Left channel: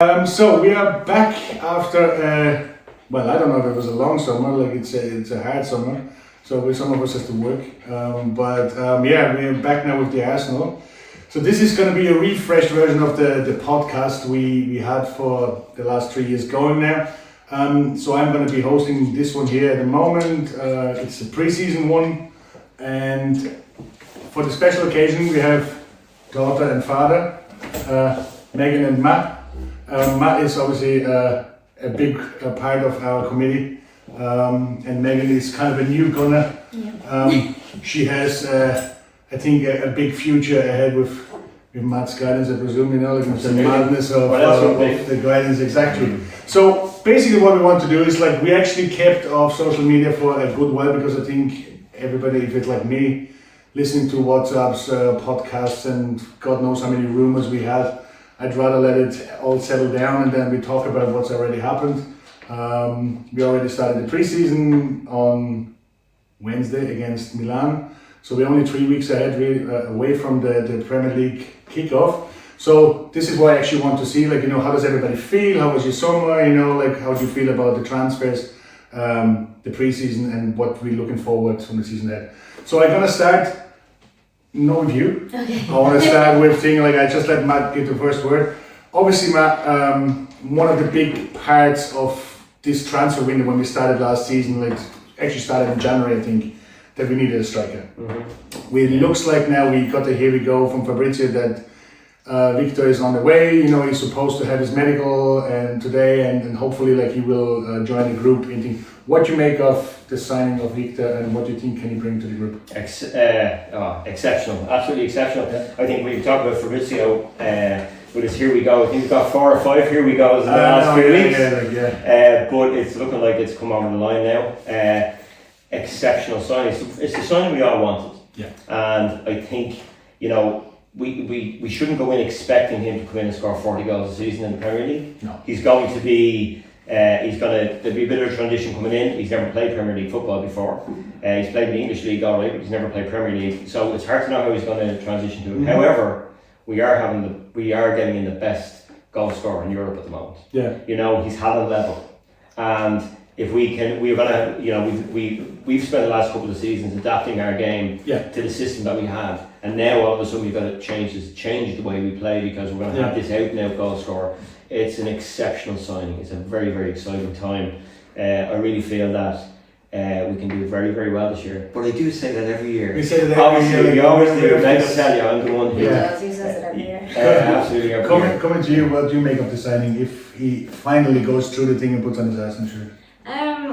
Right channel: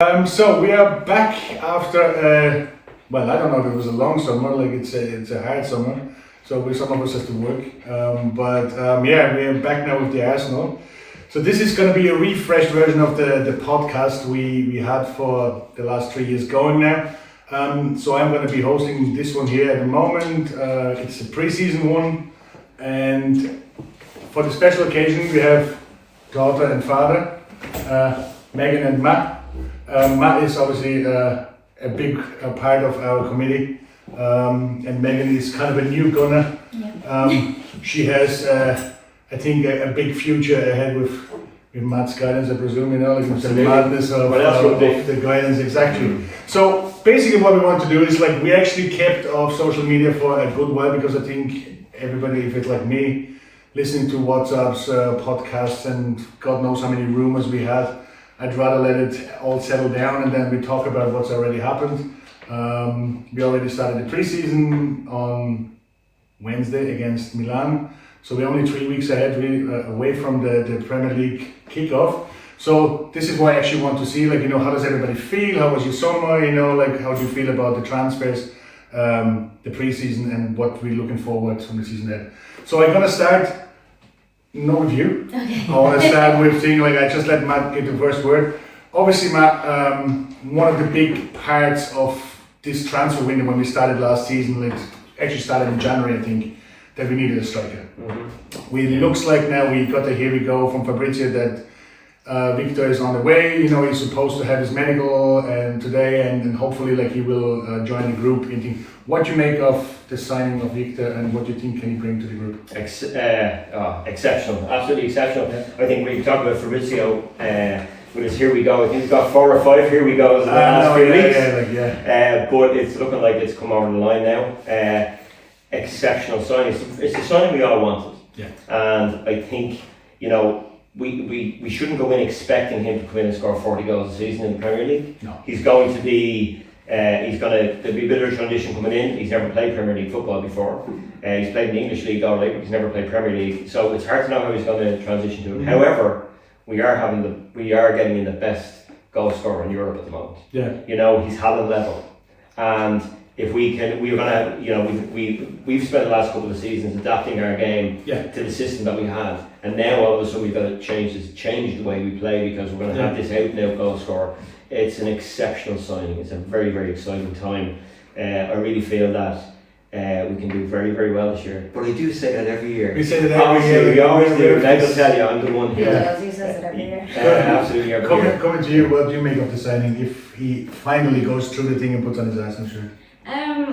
So we are back after, well, I don't know if it was a long summer, like it's a hard summer, so some of us has to work, yeah, we are back now with the Arsenal. So this is going to be a refreshed version of the podcast we had for the last 3 years going now. So I'm going to be hosting this one here at the moment. It's a pre-season one, and for the special occasion we have daughter and father, Megan and Matt. Matt is obviously a big part of our committee, and Megan is kind of a newcomer. Yeah. She has, I think, a big future ahead with Matt's guidance, I presume, like the madness of the guidance, exactly. So basically what we want to do is, like, we actually kept off social media for a good while, because I think everybody, if it's like me, listening to WhatsApps, podcasts, and God knows how many rumors we had, I'd rather let it all settle down and then we talk about what's already happened. We already started the preseason on Wednesday against Milan. So we're only 3 weeks ahead, away from the Premier League kickoff. So this is what I actually want to see, like, how does everybody feel? How was your summer? Like, how do you feel about the transfers, the preseason, and what we're looking forward from the season ahead? So I'm gonna start. Not with you. Okay. I want to start with thing, like, I just let Matt get the first word. Obviously, Matt, one of the big parts of this transfer window when we started last season, like actually started in January, I think, that we needed a striker. Mm-hmm. It looks like now we got here we go from Fabrizio that Viktor is on the way. He's supposed to have his medical and today, and hopefully, like, he will join the group. What do you make of the signing of Viktor, and what do you think can he bring to the group? Exceptional, absolutely exceptional. Yeah. I think we talked about Fabrizio with his here we go. He's got 4 or 5 here we goes in the last few weeks. But it's looking like it's come over the line now. Exceptional signing. It's the signing we all wanted. Yeah. And I think, we shouldn't go in expecting him to come in and score 40 goals a season in the Premier League. No. He's going to be, there'll be a bit of a transition coming in. He's never played Premier League football before. He's played in the English League all right, but he's never played Premier League. So it's hard to know how he's going to transition to it. Mm-hmm. However, we are getting in the best goal scorer in Europe at the moment. Yeah. He's had a level. And if we can, we've spent the last couple of seasons adapting our game to the system that we had, and now all of a sudden we've got to change the way we play, because we're going to have this out and out goal scorer. It's an exceptional signing. It's a very, very exciting time. I really feel that we can do very, very well this year. But I do say that every year. We say that every year. We always do. Let's tell you, I'm the one here. Yeah, he says it every year. Absolutely every year. Coming to you, what do you make of the signing if he finally goes through the thing and puts on his Arsenal shirt?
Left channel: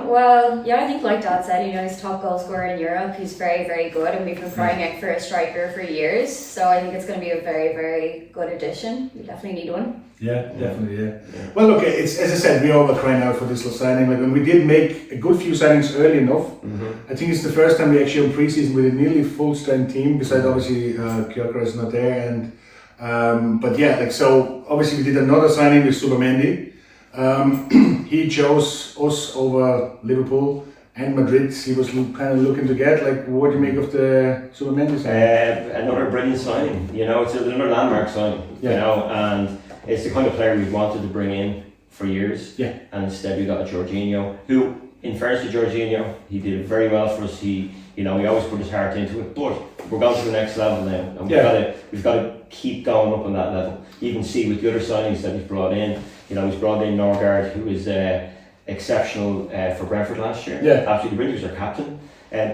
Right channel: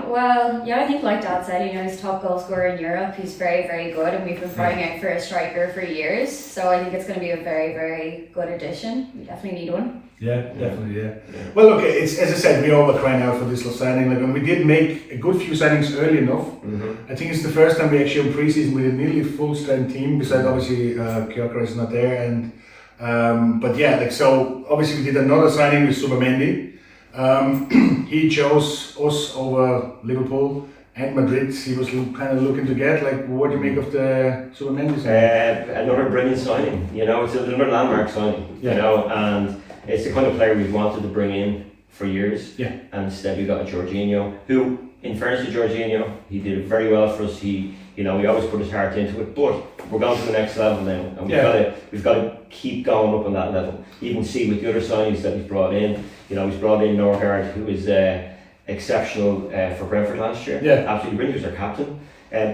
Well, yeah, I think like Dad said, he's top goal scorer in Europe. He's very, very good, and we've been crying out for a striker for years. So I think it's going to be a very, very good addition. We definitely need one. Yeah, definitely, yeah. Well, look, it's, as I said, we all were crying out for this signing. Like, and we did make a good few signings early enough. Mm-hmm. I think it's the first time we actually on pre-season with a nearly full-strength team. Besides, obviously, Gyökeres is not there, and but yeah, like, so obviously we did another signing with Zubimendi. He chose us over Liverpool and Madrid. He was kind of looking to get, like, what do you make of the Zubimendi signing? Another brilliant signing. It's another landmark signing. And it's the kind of player we've wanted to bring in for years. Yeah. And instead we got a Jorginho, who, in fairness to Jorginho, he did it very well for us. He always put his heart into it. But we're going to the next level now, and we've got to keep going up on that level. You can see with the other signings that he's brought in. He's brought in Norgard, who was exceptional for Brentford last year. Yeah. Absolutely brilliant. He was our captain.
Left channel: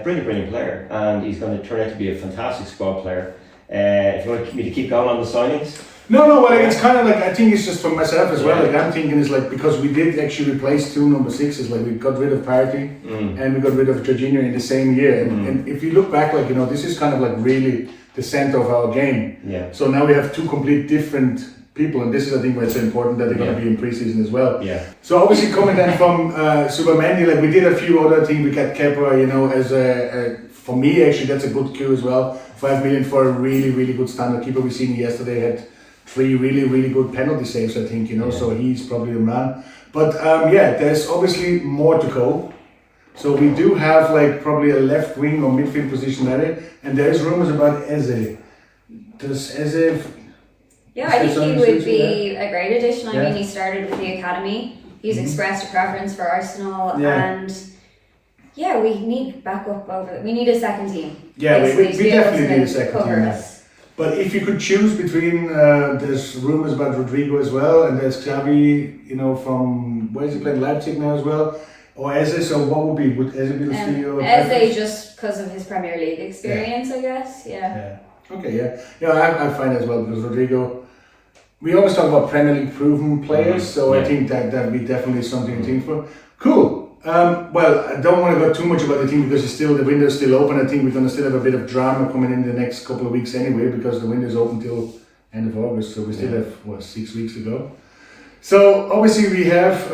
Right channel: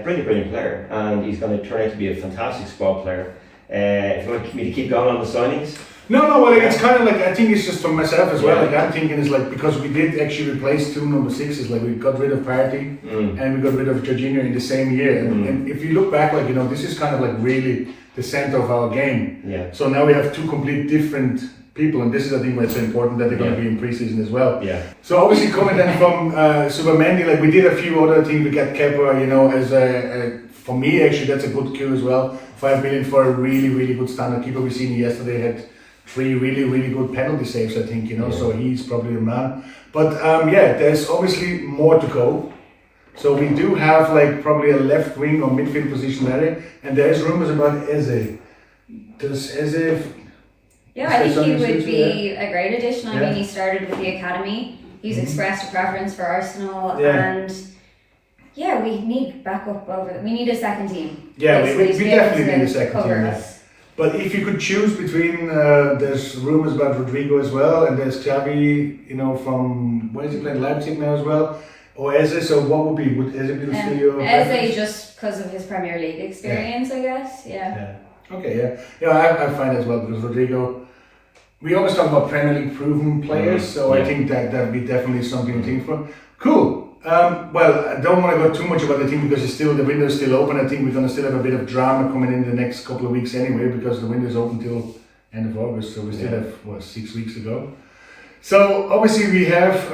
Brilliant player. And he's going to turn out to be a fantastic squad player. If you want me to keep going on the signings? No, well, it's kind of like, I think it's just for myself as well. Like, I'm thinking it's like, because we did actually replace 2 number 6s, like we got rid of Partey and we got rid of Jorginho in the same year. And if you look back, like, this is kind of like really the center of our game. Yeah. So now we have 2 complete different people, and this is, I think, why it's so important that they're going to be in pre-season as well. Yeah. So obviously coming then from Zubimendi, like, we did a few other things. We got Kepa, as for me, actually, that's a good cue as well. 5 million for a really, really good standard keeper. We seen yesterday had 3 really, really good penalty saves, I think, so he's probably the man. But there's obviously more to go. So we do have, like, probably a left wing or midfield position there, and there's rumors about Eze. Does Eze Yeah, I think he would be a great addition. I mean, he started with the academy. He's expressed a preference for Arsenal, and we need backup we need a second team. Yeah, we definitely need a second team. Us. But if you could choose between, there's rumours about Rodrygo as well, and there's Xavi, from where is he playing, Leipzig now as well, or Eze. So what would Eze be the studio? Eze just because of his Premier League experience, I guess. Yeah. Okay. I find as well because Rodrygo. We always talk about Premier League proven players, so I think that'd be definitely something to think for. Cool. Well, I don't want to go too much about the team because the window's still open. I think we're going to still have a bit of drama coming in the next couple of weeks anyway because the window's open till end of August, so we still have 6 weeks to go. So obviously we have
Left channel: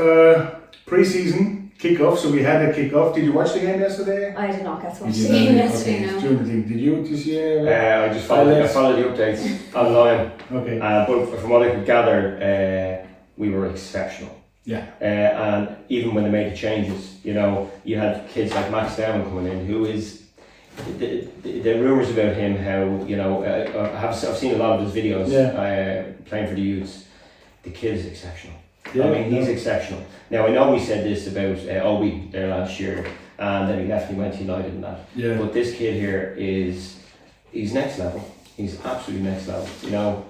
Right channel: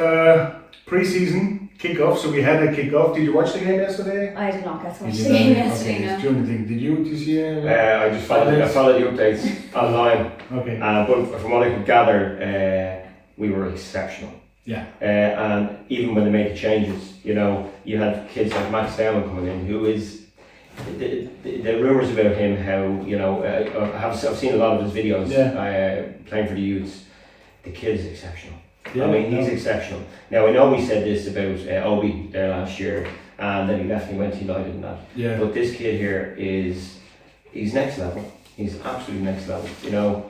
pre-season kickoff. So we had a kickoff. Did you watch the game yesterday? I did not get to watch the game yesterday. No. Did you see it? I just followed the updates online. Okay. But from what I could gather, we were exceptional. Yeah. And even when they made the changes, you had kids like Max Dowman coming in, who is the rumours about him. How I've seen a lot of his videos playing for the youths. The kid is exceptional. Yeah, I mean, he's exceptional. Now I know we said this about Obi there last year, and then he left and he went to United and that. Yeah. But this kid here he's next level. He's absolutely next level.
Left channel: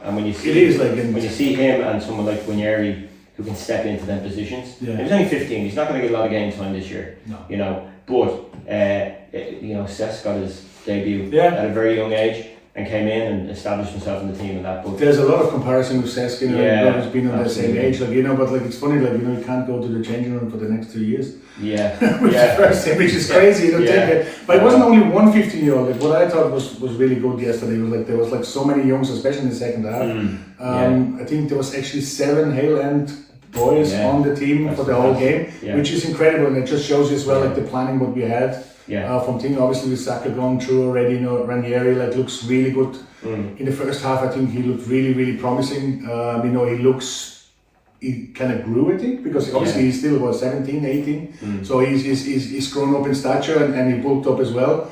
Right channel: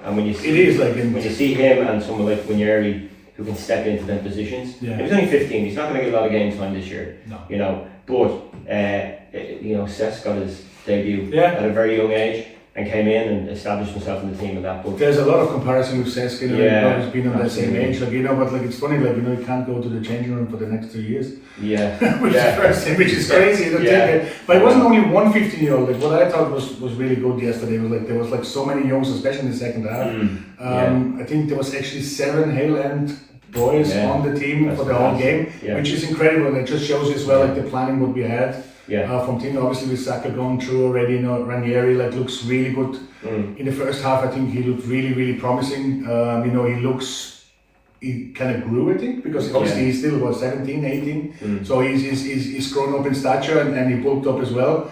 And when you see when you see him and someone like Winyeri who can step into them positions. Yeah. He's only 15. He's not going to get a lot of game time this year. No. But Cesc got his debut at a very young age and came in and established himself in the team and that. But there's a lot of comparison with Cesc. He's been on the same age. But it's funny. You can't go to the changing room for the next 2 years. Yeah. which is crazy. But it wasn't only one 15-year-old. What I thought was really good yesterday was there was so many youngs, especially in the second half. I think there was actually 7 Hale End boys on the team for the whole game, which is incredible, and it just shows you as well the planning what we had from team. Obviously with Saka gone through already, Ranieri looks really good. In the first half I think he looked really, really promising. He kind of grew, I think, because obviously he's still 17, 18, so he's grown up in stature and he bulked up as well.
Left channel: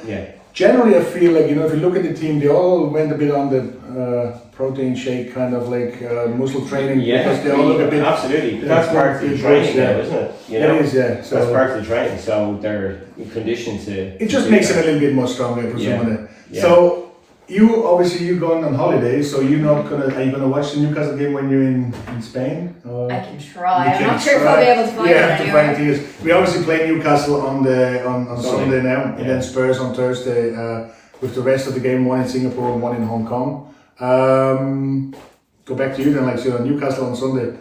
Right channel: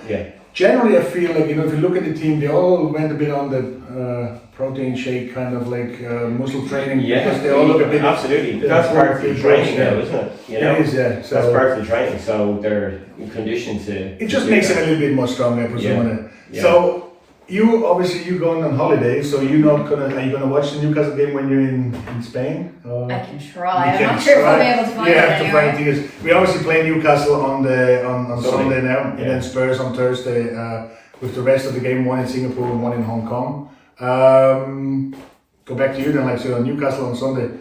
Generally, I feel if you look at the team, they all went a bit on the protein shake kind of muscle training because they all look a bit. Absolutely, that's part of the training now, isn't it? It is, yeah. So that's part of the training. So they're conditioned to. It just makes them a little bit more strong, I presume. So you going on holiday, so are you gonna watch the Newcastle game when you're in Spain? I can try. I'm not sure if I'll be able to find it anyway. The thing is, we obviously play Newcastle on Sunday now, and then Spurs on Thursday. With the rest of the game, one in Singapore and one in Hong Kong. Go back to you then, on Newcastle on Sunday.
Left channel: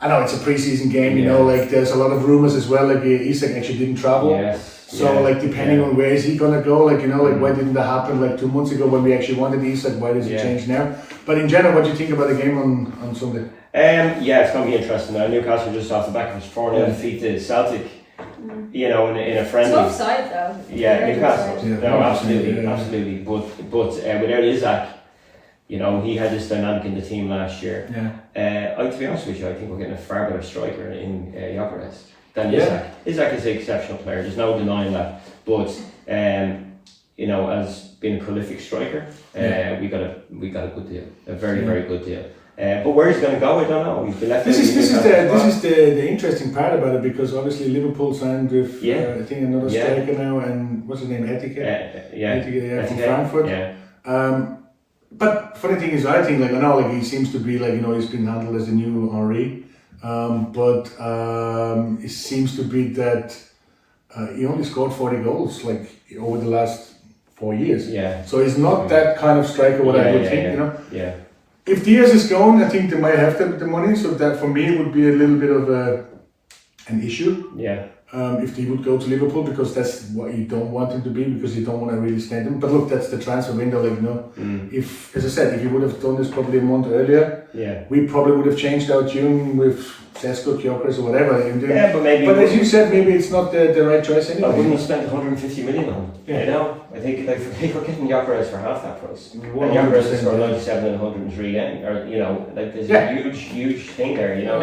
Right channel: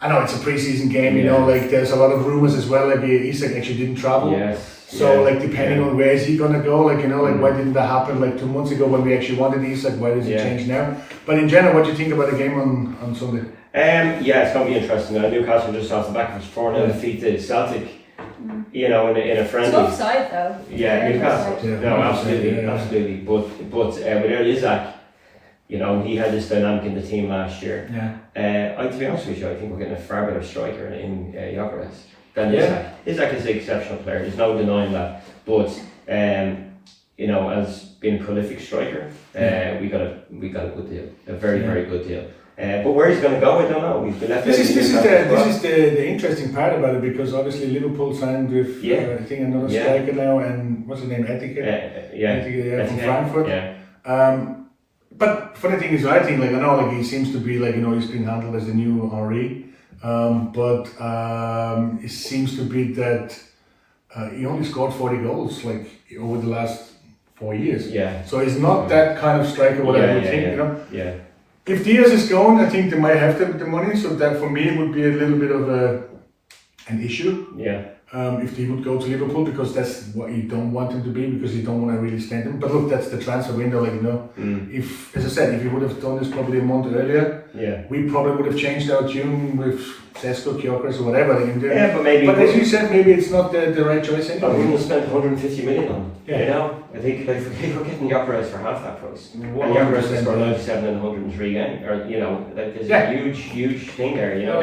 I know it's a pre-season game, there's a lot of rumours as well. Isak actually didn't travel. Yes. So depending on where is he gonna go, why didn't that happen 2 months ago when we actually wanted Isak? Why does it change now? But in general, what do you think about the game on Sunday? It's going to be interesting. Newcastle just off the back of his 4-0 defeat to Celtic. In a friendly. Tough side though. Yeah, Newcastle. No, absolutely. But without Isak, he had this dynamic in the team last year. To be honest with you, I think we're getting a far better striker in Gyökeres than Isak. Isak is an exceptional player. There's no denying that. But as being a prolific striker, we got a good deal, a very very good deal. But where he's going to go, I don't know. This is the interesting part about it because obviously Liverpool signed with I think another striker now, and what's his name, Etike from Frankfurt. But funny thing is, I think I know he seems to be he's been handled as the new Henry, but it seems to be that he only scored 40 goals over the last 4 years. So he's not that kind of striker. What I would think, If Diaz is gone, I think they might have the money, so that for me would be a little bit of an issue. If he would go to Liverpool, because that's what you don't want him to be, because you don't want to really stand him. But look, that's the transfer window, If, as I said, if he would have done this probably a month earlier, we probably would have changed our tune with Sesko, Gyökeres or whatever. But as you said, maybe it's not the right choice anyway. We wouldn't have spent 150 million on him. I think we're getting Gyökeres for half that price. And Gyökeres is for 97 and 103 again. There's a huge thing there. Now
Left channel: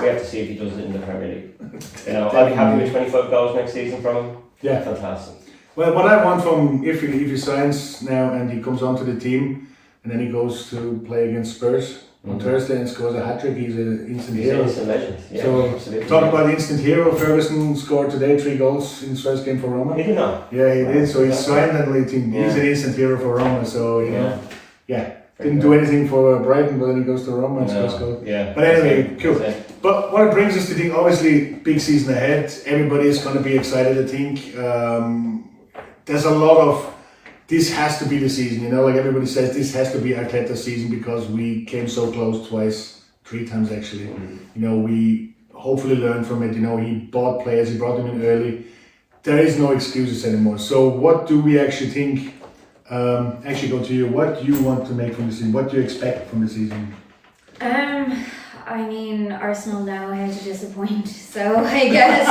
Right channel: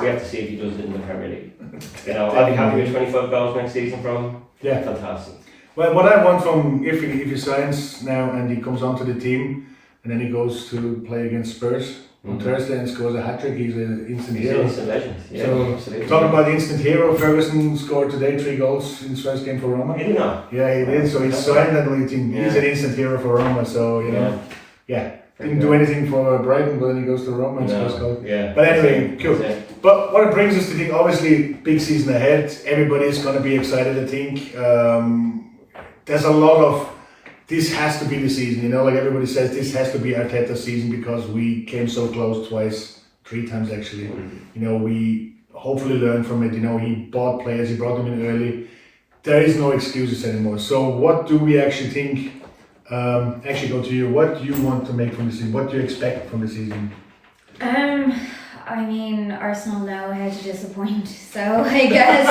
we have to see if he does it in the Premier League. I'll be happy with 25 goals next season from him. Fantastic. Well, what I want from if he signs now and he comes onto the team and then he goes to play against Spurs, on Thursday and scores a hat-trick. He's an instant He's hero. an instant legend. Yeah, So, absolutely. talking about the instant hero, Ferguson scored today 3 goals in his first game for Roma. Did he not? Yeah, he did. So he's silently thinking he's Yeah. an instant hero for Roma. So, you know, didn't do anything for Brighton, but then he goes to Roma and scores goals. Yeah. But anyway, cool. That's it. But what it brings us to think, obviously, big season ahead. Everybody is going to be excited, I think. There's a lot of, this has to be the season, you know, like everybody says, this has to be Arteta's season because we came so close twice, 3 times actually. You know, we hopefully learned from it. You know, he bought players, he brought them in early. There is no excuses anymore. So what do we actually think? Actually go to you. What do you want to make from the season? What do you expect from the season? I mean, Arsenal know how to disappoint, so I guess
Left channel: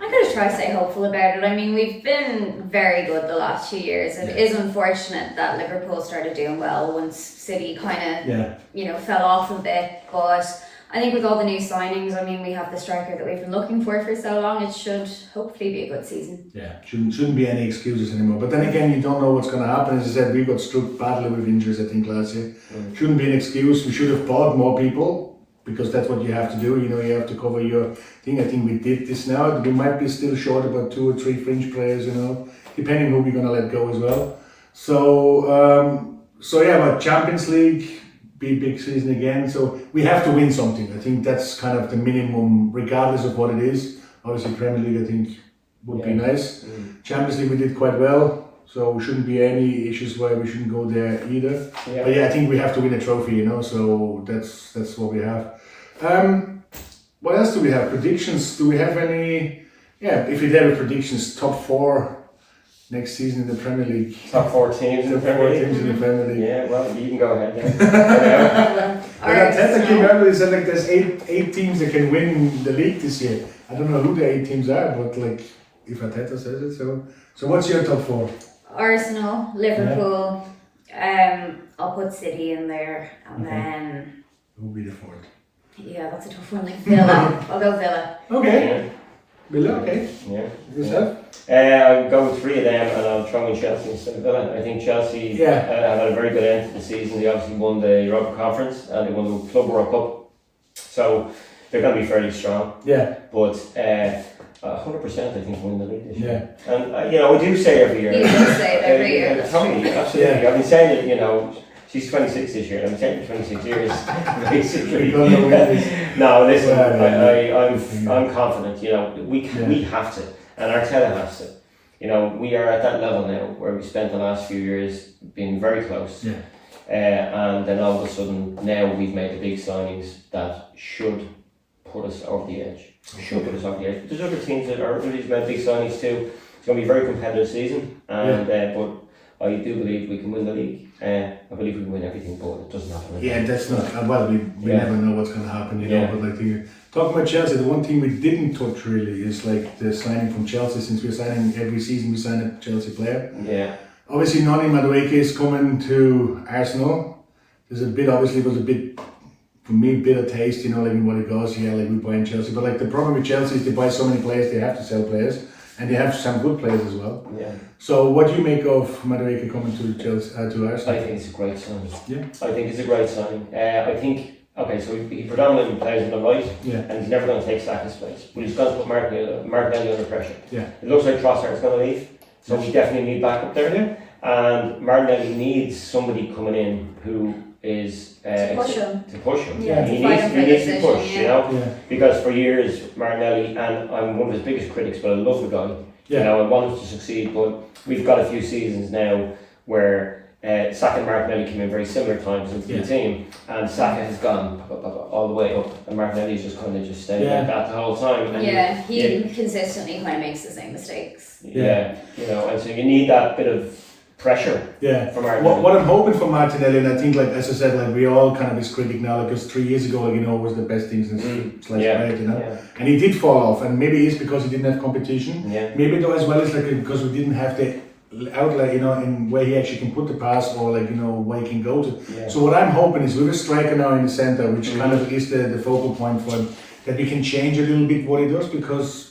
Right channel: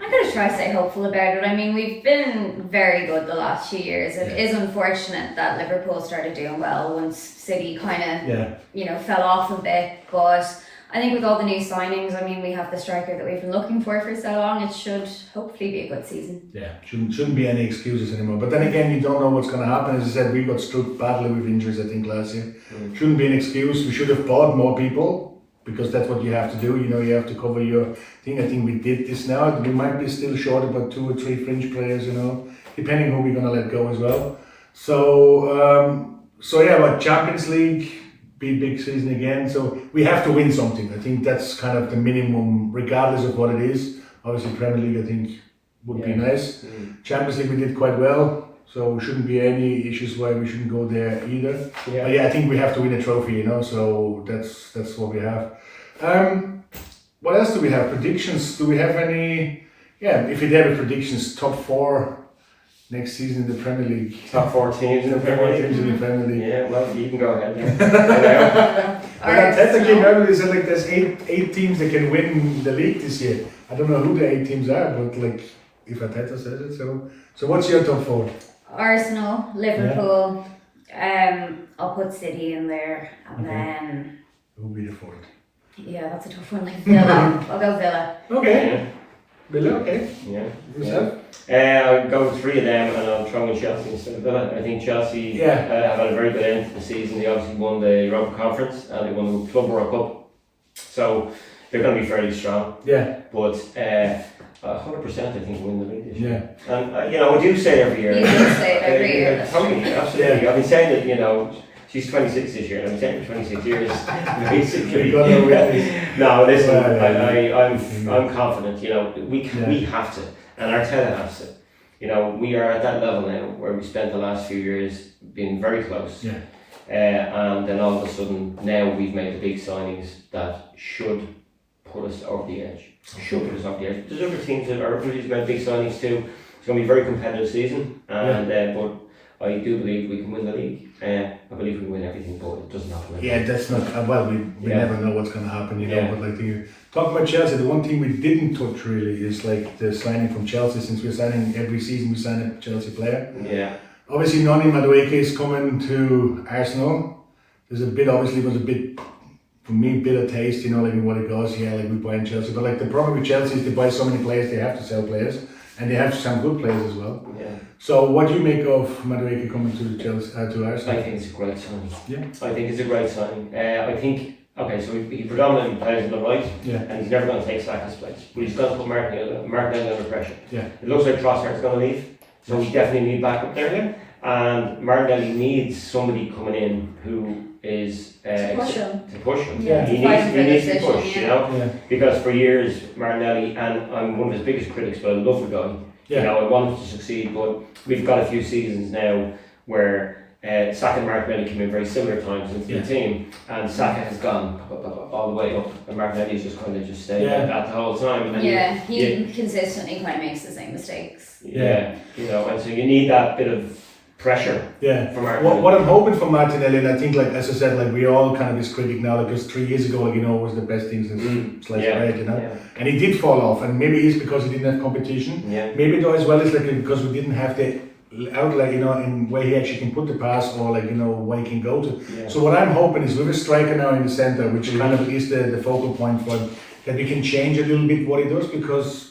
I'm going to try to stay hopeful about it. I mean, we've been very good the last few years. It is unfortunate that Liverpool started doing well once City kind of, fell off a bit. But I think with all the new signings, I mean, we have the striker that we've been looking for so long. It should hopefully be a good season. Yeah, shouldn't be any excuses anymore. But then again, you don't know what's going to happen. As I said, we got struck badly with injuries, I think, last year. Shouldn't be an excuse. We should have bought more people because that's what you have to do. You know, you have to cover your thing. I think we did this now. We might be still short about 2 or 3 fringe players, you know, depending who we're going to let go as well. But Champions League, be big season again. So we have to win something. I think that's kind of the minimum, regardless of what it is. Obviously, Premier League, I think, would be nice. Champions League, we did quite well. So shouldn't be any issues why we shouldn't go there either. But I think we have to win a trophy, you know. So that's what we have. What else do we have? Predictions? Do we have any? Yeah, if you have predictions, top 4 next season in the Premier League. Top 4 teams in the Premier League. Yeah, well, you can go ahead. When Arteta came out, he said like there's eight teams that can win the league this year. I don't know who the 8 teams are, but like if Arteta says it, so what's your top 4? Arsenal, Liverpool. I'll put City in there, and then who'll be the 4th? Yeah, that's a tough one. Like Villa, I'll go Villa. Okay. Villa, okay. Yeah. Yourself? I'll go with 3 of them, and I'll throw in Chelsea instead of Villa. I think Chelsea have had a very good end to the season. They obviously won the Europa Conference and they won the Club World Cup, so they're going to be fairly strong. Yeah. But 100% I think win the league this year. And I do say every year. You do say it every year. Totally, absolutely. Yeah. I've been saying it. She's 26 this year, and I've been saying it for 26 years, basically. No, listen, I'm confident. We have to, and Arteta has to. We are at that level now where we spent the last few years being very close. Yeah. And then all of a sudden, now we've made the big signings that should put us over the edge. There's other teams that are really made big signings too. It's going to be a very competitive season, and but I do believe we can win the league. I believe we can win everything, but it doesn't happen. Yeah, that's not we never know what's going to happen, you know. But like talking about Chelsea, the one thing we didn't touch really is like the signing from Chelsea. Since we're signing every season, we sign a Chelsea player. Yeah. Obviously, Noni Madueke is coming to Arsenal. Was a bit for me, bitter taste, you know, like what it goes here, like we buy in Chelsea. But like the problem with Chelsea is they buy so many players, they have to sell players. And they have some good players as well. Yeah. So what do you make of Madueke coming to Chelsea, to Arsenal? I think it's a great signing. Yeah. I think it's a great signing. I think, so he predominantly plays on the right, and he's never going to take Saka's place. But he's going to put Martinelli under pressure. Yeah. It looks like Trossard is going to leave, so we definitely need backup there. Yeah. And Martinelli needs somebody coming in who is to push him. Yeah, he needs to push, you know. Yeah. Because for years Martinelli, and I'm one of his biggest critics, but I love the guy. Yeah. I want him to succeed, but we've got a few seasons now where Saka and Martinelli came in very similar times into the team, and Saka has gone all the way up, and Martinelli's just kind of just stayed like that the whole time. And he consistently kind of makes the same mistakes. And so you need that bit of pressure. Yeah. From what I'm hoping for Martinelli, and I think, like as I said, like we're all kind of his critic now, because 3 years ago, like, was the best thing since sliced bread, and he did fall off, and maybe it's because he didn't have competition. Yeah. Maybe though as well is like because we didn't have the outlet, in where he actually can put the pass, or like where he can go to. Yeah. So what I'm hoping is with a striker now in the center, which kind of is the focal point for him, that we can change a little bit what he does, because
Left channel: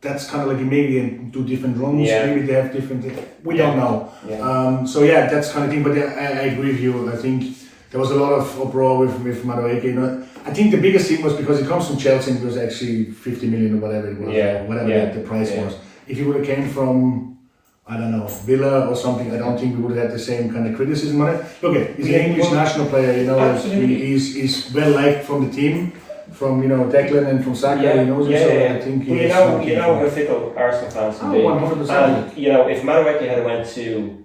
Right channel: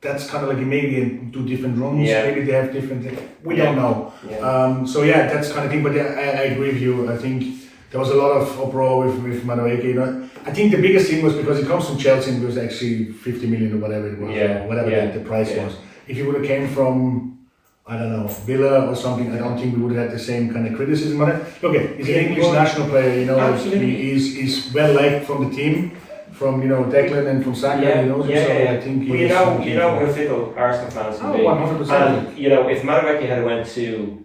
that's kind of like maybe do different rooms, maybe they have different things. We don't know. Yeah. That's kind of thing, but I agree with you. I think there was a lot of uproar with Madueke. You know, I think the biggest thing was because he comes from Chelsea and it was actually 50 million or whatever it was, or whatever the price was. If he would have came from, I don't know, Villa or something, I don't think we would have had the same kind of criticism on it. Look, he's an English national player, you know, he's well liked from the team, from, you know, Declan and from Saka, he knows him, so I think he's... You know how fickle Arsenal fans can be. 100%. And, you know, if Madueke had went to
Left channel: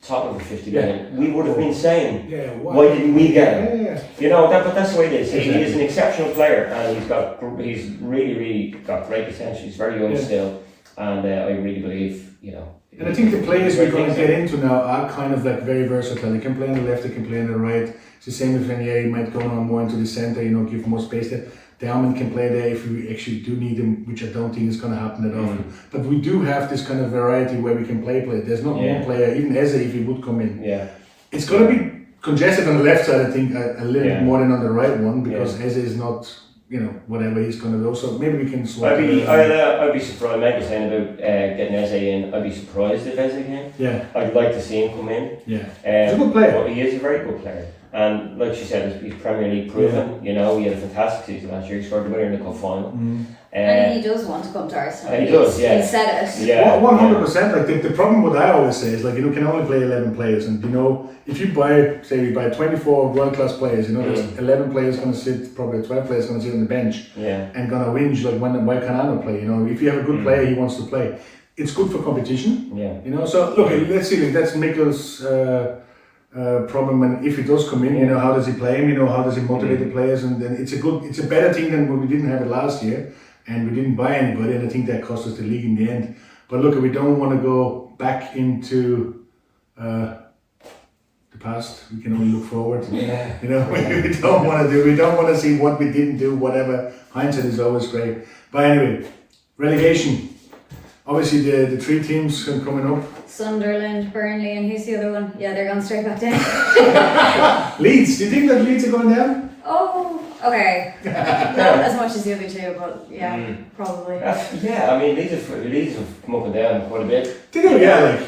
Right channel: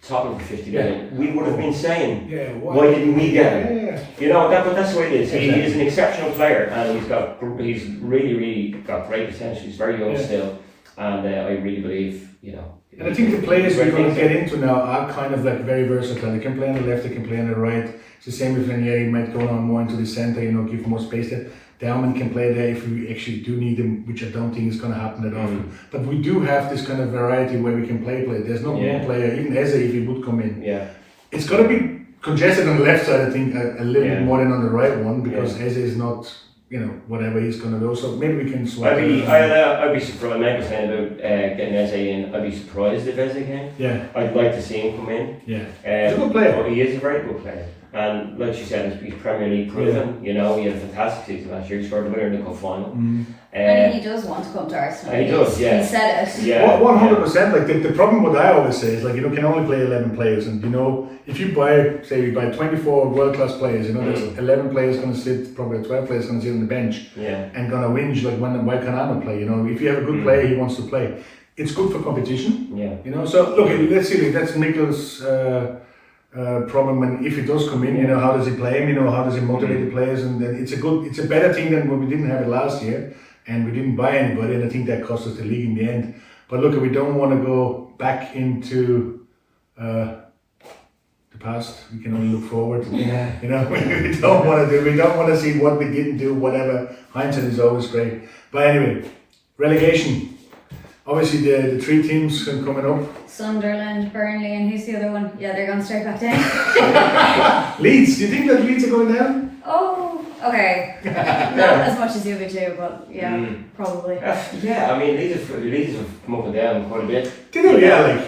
Tottenham for 50 million, we would have been saying, why didn't we get him? You know, but that's the way it is. He is an exceptional player, and he's really got great potential. He's very young still, and I really believe, you know. And I think the players we're going to get into now are kind of like very versatile. They can play on the left, they can play on the right. It's the same with Venier, he might go on more into the centre, you know, give more space there. Dalman can play there if we actually do need him, which I don't think is going to happen that often. But we do have this kind of variety where we can play. There's not one player, even Eze, if he would come in. It's going to be congested on the left side, I think, a little bit more than on the right one, because Eze is not, you know, whatever he's going to do. So maybe we can swap. I'd be surprised. Mike was saying about getting Eze in. I'd be surprised if Eze came. I'd like to see him come in. He's a good player. But he is a very good player. And like she said, he's Premier League proven. You know, he had a fantastic season last year. He scored a winner in the cup final. And he does want to come to Arsenal. He does, He said it. 100%. Like the problem, what I always say is, like, you know, can only play 11 players, and you know, if you buy, say, we buy 24 world-class players, you know, there's 11 players going to sit, probably 12 players going to sit on the bench, and going to whinge like, why can't I not play? You know, if you have a good player, he wants to play. It's good for competition. You know, so look, let's see. Like, that's Mikkel's problem, and if he does come in, you know, how does he play him? You know, how does he motivate the players? And then it's a better thing than when we didn't have it last year, and we didn't buy anybody, and I think that cost us the league in the end. But look, we don't want to go back into the past. We can only look forward. You know, we don't want to see what we didn't do. Whatever, hindsight is always great. But anyway, relegation. Obviously, the three teams coming up. Sunderland, Burnley, and who's the other one? Yeah, they're going straight back down. Leeds. Do you think that Leeds are going down? Oh, okay. Not as much as the other two, but yeah, probably. I mean, Leeds have come up and down quite a bit. Did they? Yeah, like.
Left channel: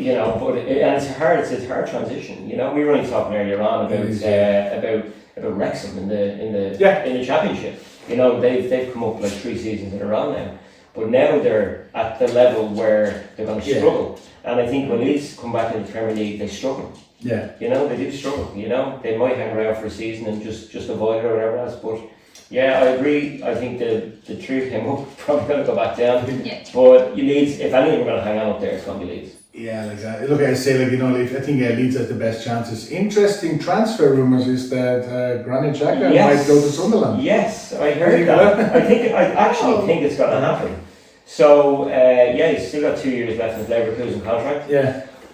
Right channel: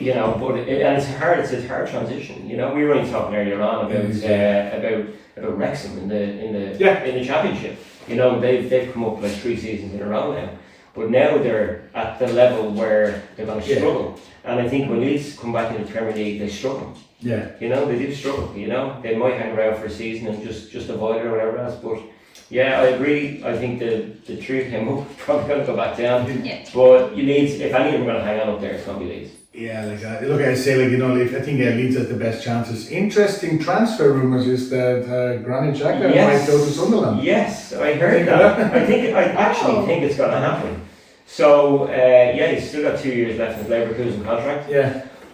You know, but and it's a hard transition. You know, we were only talking earlier on about Wrexham in the Championship. You know, they've come up like 3 seasons in a row now. But now they're at the level where they're going to struggle. And I think when Leeds come back in the Premier League, they struggle. You know, they do struggle. You know, they might hang around for a season and just avoid it or whatever else. But yeah, I agree. I think the three came up, probably going to go back down. But you need, if any of them are going to hang on up there, it's going to be Leeds. Yeah, like look, I say, like, you know, I think Leeds has the best chances. Interesting transfer rumours is that Granit Xhaka might go to Sunderland. Yes, I heard that. I actually think it's going to happen. So he's still got 2 years left in his Leverkusen contract.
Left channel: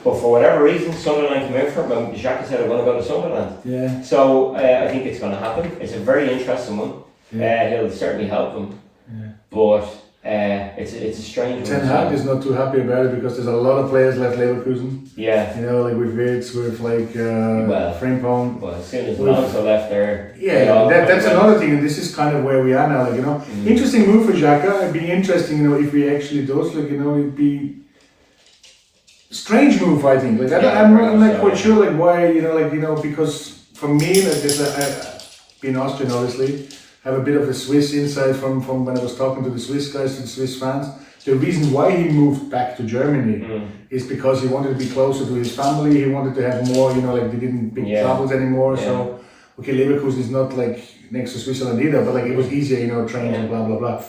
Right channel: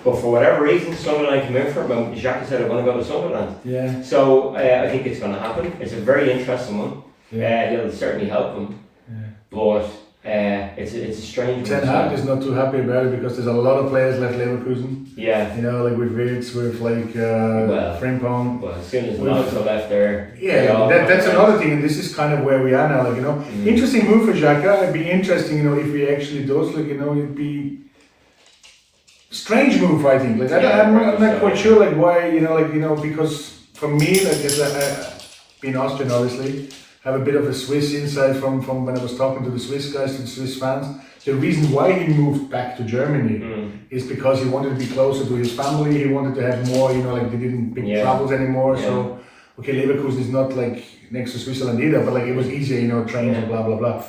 But for whatever reason, Sunderland came in for him, and Xhaka said, I want to go to Sunderland. So I think it's going to happen. It's a very interesting one. He'll certainly help them. But it's a strange one. Ten Hag is not too happy about it because there's a lot of players left Leverkusen. You know, like with Wirtz, with like Frimpong. Well, as soon as Alonso left there. That's another thing, and this is kind of where we are now. Like, you know, interesting move for Xhaka. It'd be interesting, you know, if he actually does. Like, you know, it'd be strange move, I think. Like, I'm not quite sure, like, why. You know, because for me, like, being Austrian, obviously, have a bit of a Swiss insight from when I was talking to the Swiss guys, to the Swiss fans. The reason why he moved back to Germany is because he wanted to be closer to his family. He wanted to have more, you know, like they didn't big travels anymore. So, okay, Leverkusen is not like next to Switzerland either, but like it was easier, you know, trains and blah, blah, blah.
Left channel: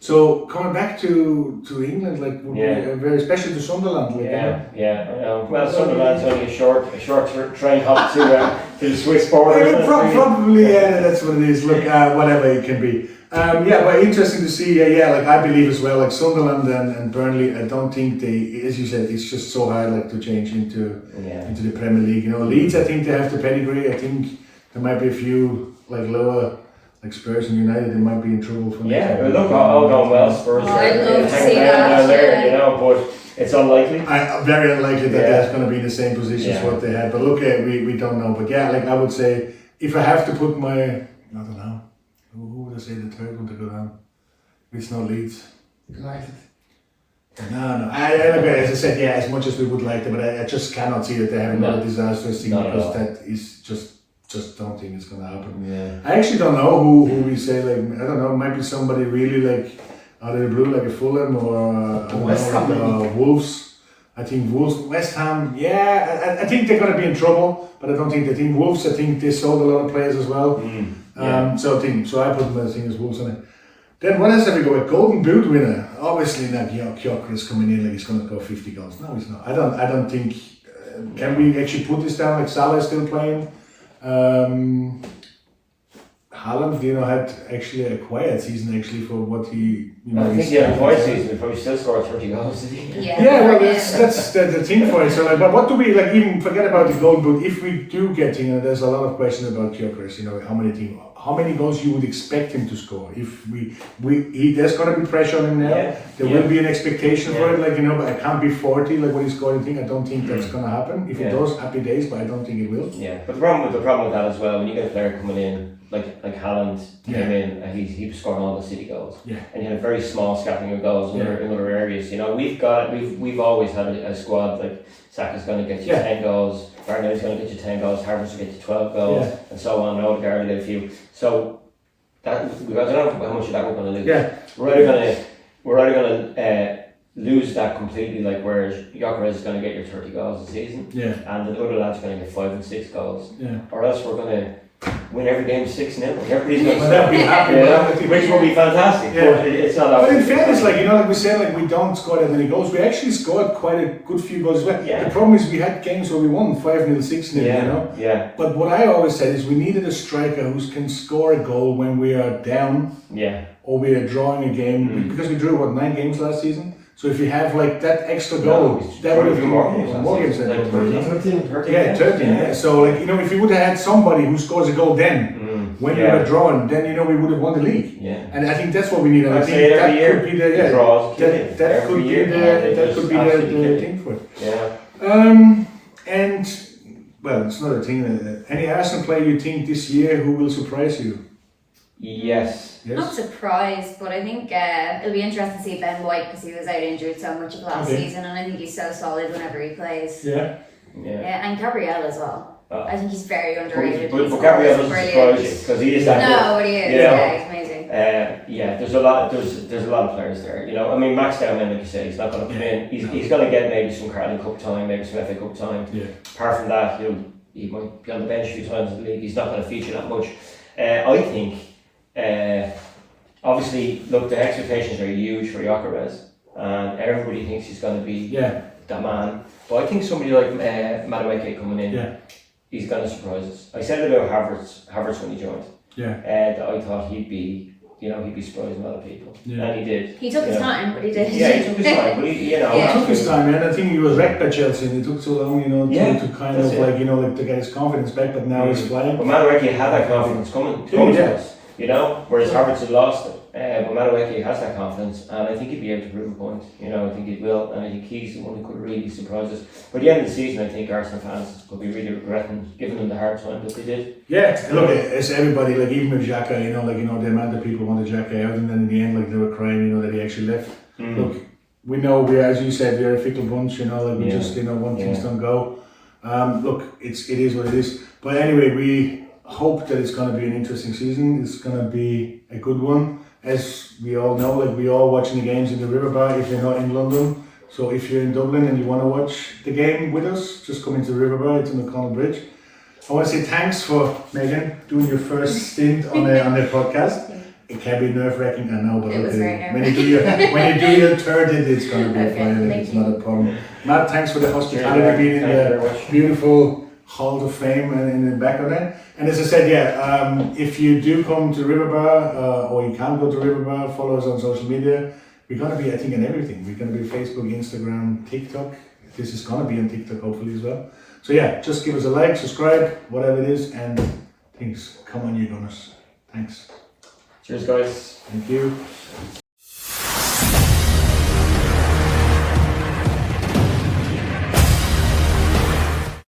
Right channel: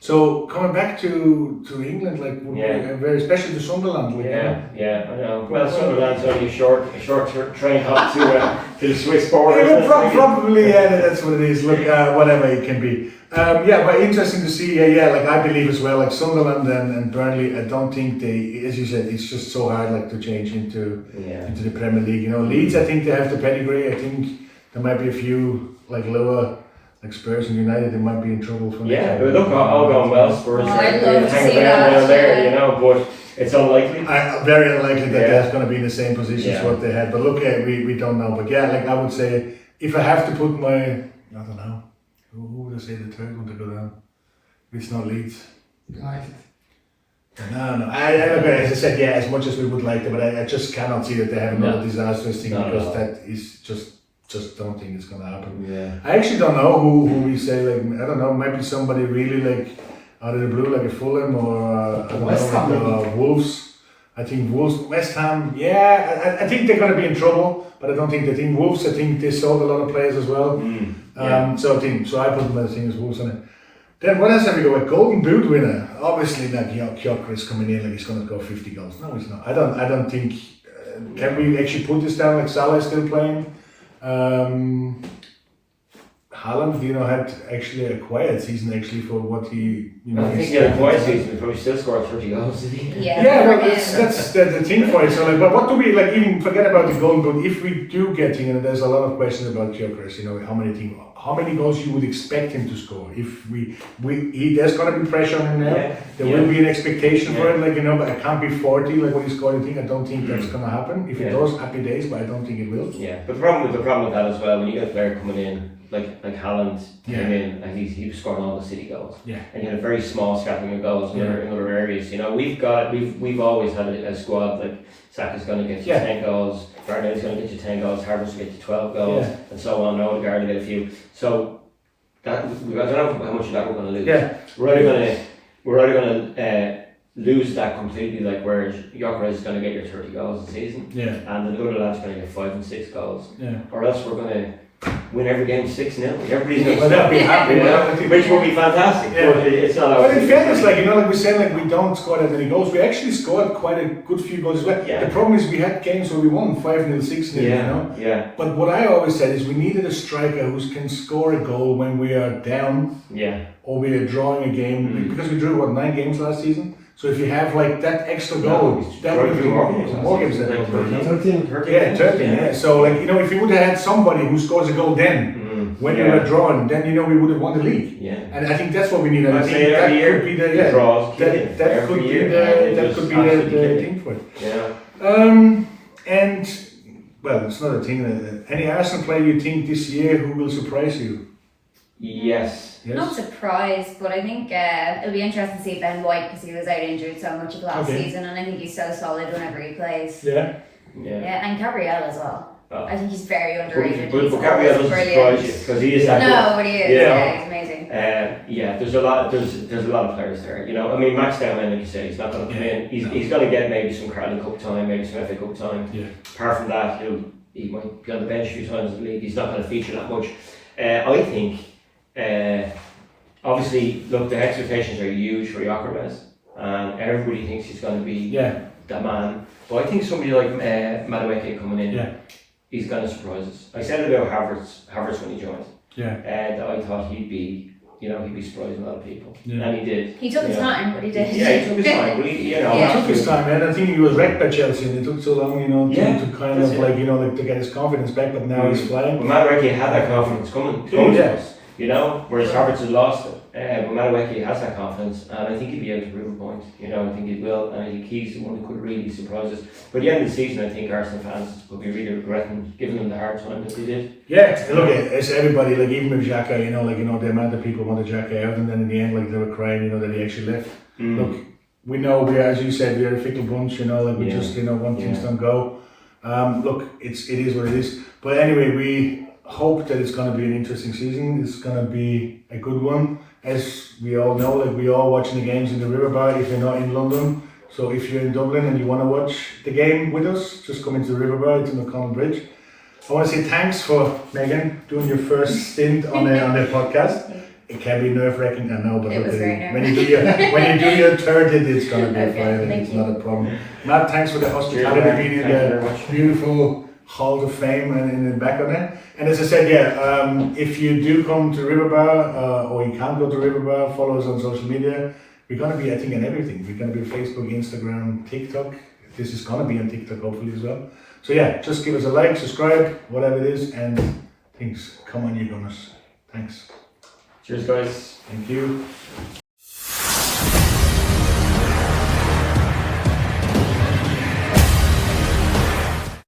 So coming back to England, like, would be very special to Sunderland. Like, I know. Well, Sunderland's only a short train hop to the Swiss border. Probably, that's what it is. Look, whatever it can be. But interesting to see. Like I believe as well. Like Sunderland and Burnley, I don't think they, as you said, it's just so hard like to change into the Premier League. You know, Leeds, I think they have the pedigree. I think there might be a few like lower. Like Spurs and United, they might be in trouble for next year. Look, all going well. Spurs I'd love to see that. There, you know, but it's unlikely. Very unlikely that they're going to be in the same position as what they had. But look, we don't know. But like I would say, if I have to put my, I don't know, who would I say the third one to go down? It's not Leeds. United. No. As I said, as much as we would like them, but I just cannot see that they have another disastrous thing because that is just just don't think it's gonna happen. Yeah. I actually don't know who we say, like, I don't know, maybe somebody really like out of the blue, like a Fulham or I don't West know, Ham, like, Wolves. I think Wolves, West Ham, I think they're going to be in trouble, but I don't think they think Wolves. I think they sold a lot of players as well. So I put them as thing as Wolves on it. Then what else have we got? A Golden Boot winner. Obviously, not Gyökeres coming in like he's going to score 50 goals. No, he's not. I don't think. Can we actually put this down? Like Salah is still playing. Haaland, had actually a quiet season actually for what he. I think he had a quiet season before he still scored 30 goals. Did he? Yeah, well, that's the thing for it. So, like, but what do we like? Even forget about the Golden Boot. If we do get him, there's a lot of questions about Gyökeres. How many goals you would expect him to score? If there's going to be pressure on him now. Yeah. There will be an expectation for it, but it can't be 40 like what he scored. I don't think that's going to happen. If it does, happy days, but I don't think it will. Yeah, but the problem with that as well, when you get a player coming in like Haaland came in, like he was scoring almost City goals. Yeah. And you had a very small scattering of goals in other areas. We've always had a squad like Saka's going to get you 10 goals, Bernardo's going to get you 10 goals, Havertz will get you 12 goals, and so on. Odegaard will get a few. So that I don't know how much of that we're going to lose. Yeah. We're either going to lose that completely, like where Gyökeres is going to get your 30 goals a season, and the other lad's going to get 5 and 6 goals, or else we're going to win every game 6-0. Everybody's going to be happy. Which will be fantastic. But it's not. But in fairness, like we said, like we don't score that many goals. We actually scored quite a good few goals as well. Yeah. The problem is we had games where we won 5-0, 6-0. Yeah. But what I always said is we needed a striker who can score a goal when we are down. Yeah. Or we are drawing a game because we drew 9 games last season. So if you have like that extra goal, that would have been more games than 13. Yeah. So like if you would have had somebody who scores a goal then, when you were drawn, then we would have won the league. Yeah. And I think that's what we need. I think that could be the that could be the thing for it. Yeah. And well, it's not a thing. Any Arsenal player you think this year who will surprise you? Yes. Not surprised, but I think it'll be interesting to see Ben White because he was out injured so much of last season, and I think he's so solid whenever he plays. Yeah, and Gabriel as well. Oh. I think he's very underrated. But Gabriel doesn't surprise you because he is that good. No, but he is. Yeah, he's amazing. There's a lot of players there. Max Dowman, like you said, he's not going to come in. He's going to get maybe some Carling Cup time, maybe some FA Cup time. Yeah. Apart from that, he might be on the bench a few times in the league. He's not going to feature that much. I think. Obviously, look, the expectations are huge for Gyökeres, and everybody thinks he's going to be the man. But I think somebody like Madueke coming in, he's going to surprise us. I said about Havertz when he joined. That I thought he'd be surprising a lot of people, and he did. He took his time, but he did. Yeah, he took his time, but he took his time, man. I think he was wrecked by Chelsea, and it took so long, to kind of to get his confidence back. But now he's flying. But Madueke had that confidence coming to us. Whereas Havertz had lost it. But Madueke has that confidence, and I think he'll be able to prove a point. I think he will, and I think he's the one who could really surprise us. But at the end of the season, I think Arsenal fans will be really regretting giving them the hard time that they did. Yeah, look, it's everybody, like even with Xhaka, the amount of people wanted Xhaka out, and then in the end, like they were crying, that he actually left. Look, we know as you said, we're a fickle bunch, we just, want things don't go. Look, it is what it is. But anyway, we hope that it's going to be an interesting season. It's going to be a good one. As we all know, we all watching the games in the River Bar if you're not in London. So if you're in Dublin and you want to watch the game with us, just come into the River Bar. It's on the O'Connell Bridge. I want to say thanks for Megan doing your first stint on the podcast. It can be nerve-wracking, I know, but it was very when you do your third, it's going to be fine. It's not a problem. Matt, thanks for the hospitality, being in the beautiful Hall of Fame and in the back of that. And as I said, if you do come to River Bar or you can't go to River Bar, follow us on social media. We're going to be, I think, on everything. We're going to be Facebook, Instagram, TikTok. This is going to be on TikTok hopefully as well. So just give us a like, subscribe, whatever it is, and things. Come on, you Gunners. Thanks. Cheers, guys. Thank you.